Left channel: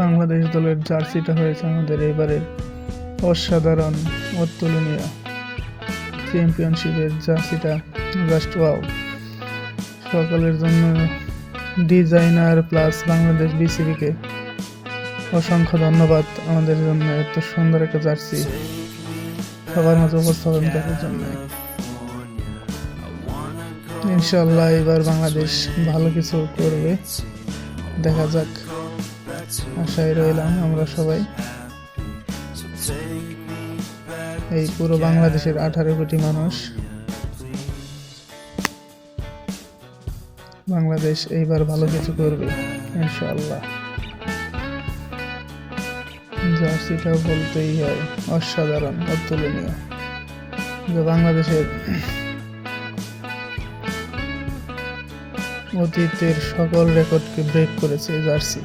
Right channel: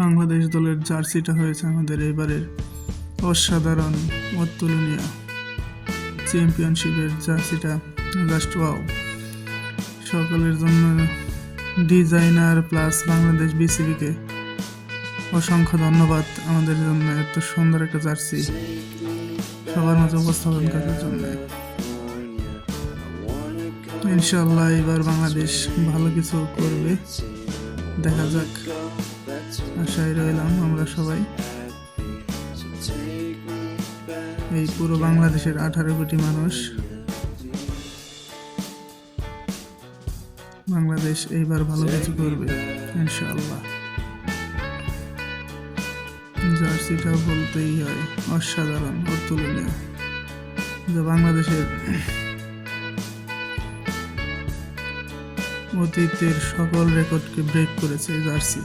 বাংলাদেশ দলের জার্সিটা হয়েছে আমাদের এবারের অসাধারণ, অতুলনীয়। চ্যাম্পিয়নশিপের জার্সিটা জাস্ট ওয়াও। সকলের জন্য ডিজাইনার প্লাস বাংলাদেশ বিসিবিকে অসংখ্য ধন্যবাদ আমাদের জন্য এত সুন্দর একটা জার্সি সবার মাঝে উপস্থাপন করার জন্য। ইনশাল্লাহ এবার বাংলাদেশ ভালো কিছু করবে, দেখা যাক, আশায় রইলাম আমরা সবাই। এই পুরো বাংলাদেশের 18 কোটি মানুষ, বাংলাদেশ এইবার ভালো কিছু করবে ইনশাআল্লাহ। জার্সিটা বলতেই হয় অসাধারণ, অতুলনীয়, যে বাংলাদেশের অতীতের সকল রেকর্ডকে ব্রেক করেছে জার্সি।